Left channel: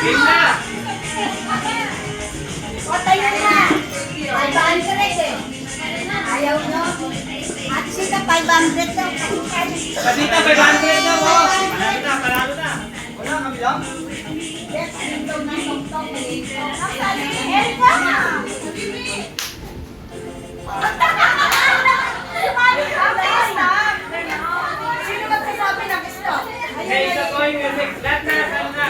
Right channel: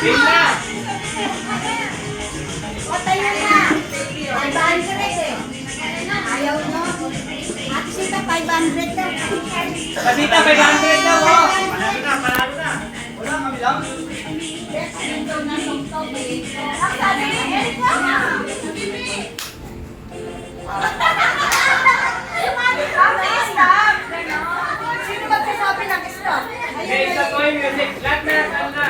Game na! O, tayo na. 500 eh. Ayaw nyo. At sita 500 daw. Pasita, 500 daw, oh! Panalo na, panalo na! Wala, kami lang. Ang sabi ni Elka. Sino magsasabi ng stop? Okay, isa po yung music. Lahat na, lahat na.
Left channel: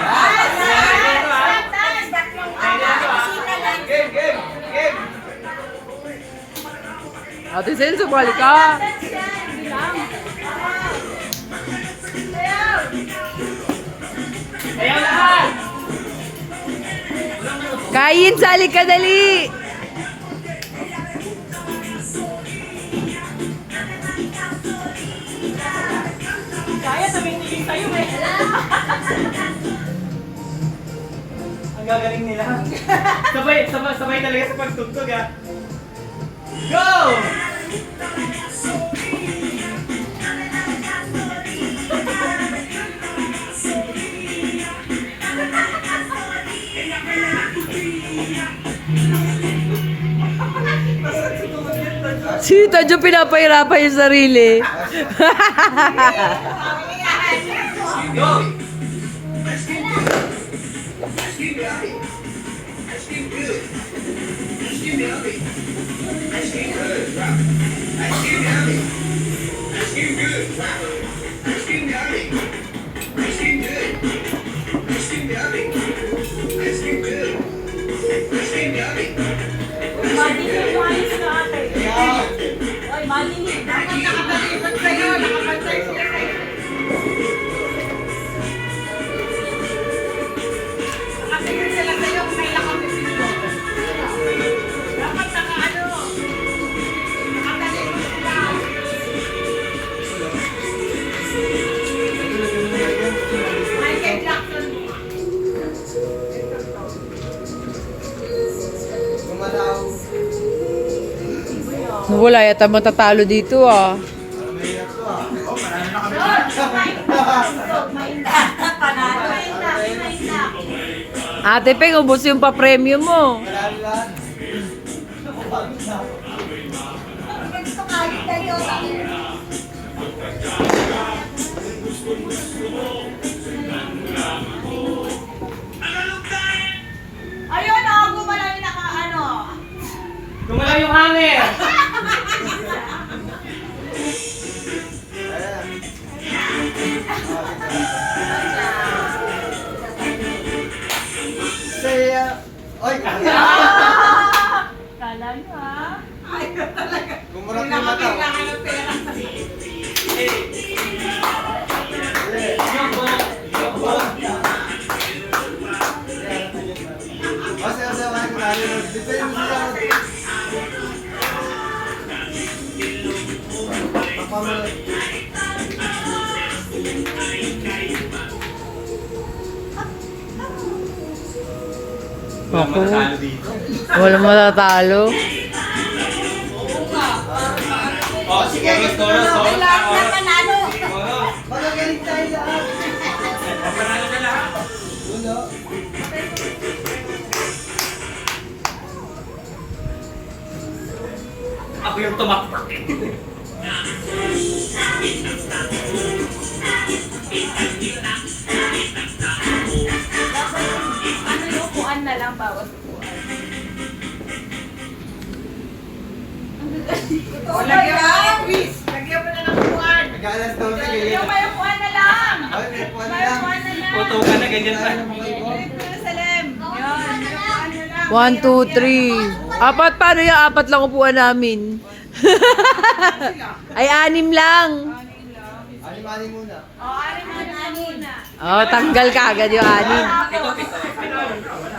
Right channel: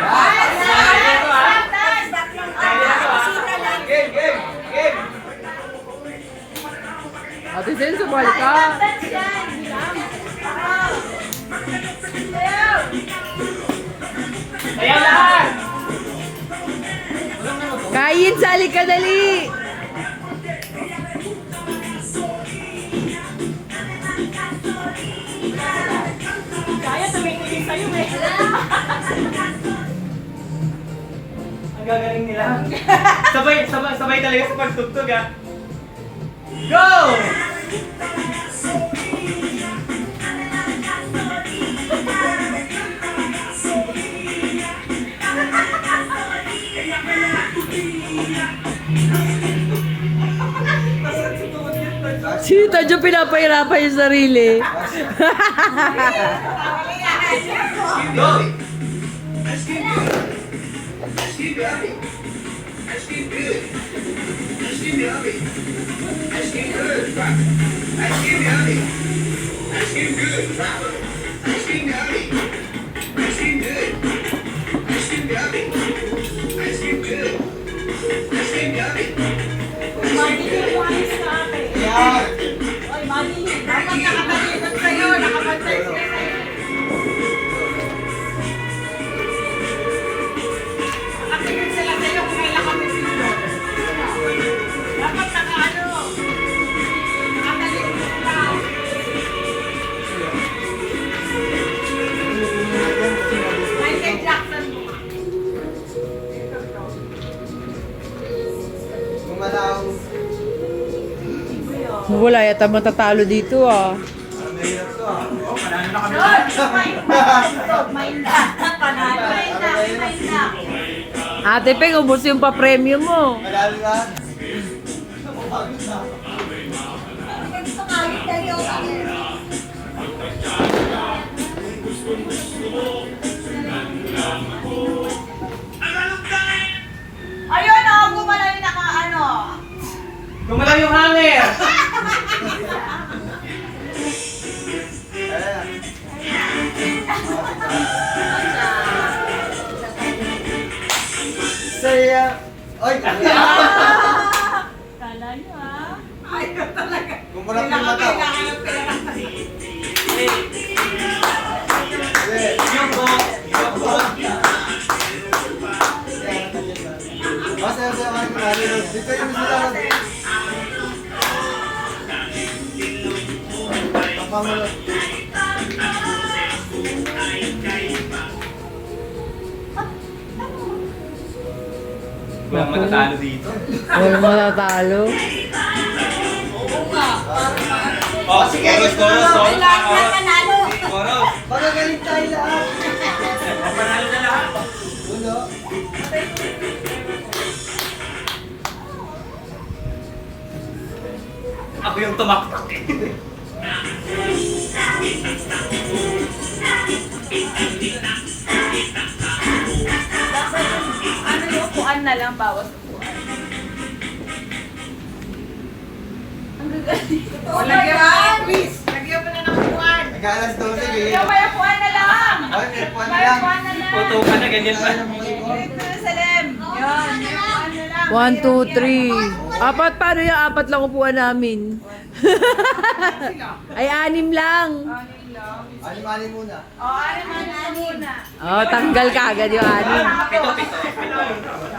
Game, game, game! Ate Sen, sumali ka. Ayaw lahat! Kain, sali ka dali. Kaya tumingin sa'yo eh. Ang gagaling nila. Sabay, sabay, sabay talaga sa pagtugtog, ha? Go! Si Tadyo pinapahirapan yung sarili. Go! Madilim yung ayos na ate. Oy, madilim. Dapat nakapalitan sa'yo. Nakapantay siya sa'yo. Nakatingin sila sa'yo kung kailan kami sila. Dapat naka-ano. Nakatalikod sila. Michael Jackson. Wala yata matatalo dito ah. Ate Peng, ubos yung pa-premium mo. Ayun oh, gumala yung naka-ano. Gumalaw yung hanger! Saya. Oy! Kala nyo ah. Ayaw talaga. Gumurap yung mata. Kailangan ng pera. Yung go! Yung go! Masaya sa mga klaro. Dito yung sila. Pagpamalot. Walang matatalo dito. Walang matatalo. Oh, sige! Chorus, chorus, Lahat na chorus! panalo. Chorus! Magagaling tayo lahat. Panalo na lahat! Ulo. Ako yung tumaktak. Ano yung upuan na lang, bawas upuan. Ang gagaling. Lagyan mo ng quiz. Lagyan mo na ng upuan. Nag-alas 12 kayo. Yung may upuan na lang. Ay, may upuan na May lang. upuan na lang. Photo ka na, ganyan pa. Director Salem. Yan, may upuan na lang. 1, 2, 3. Apat, paano yung apat lang upuan namin? Ay, 6 lang. Anim-anim muna. O, anim na muna. Oh, tanggal ka agad yung 6. Ito, ito.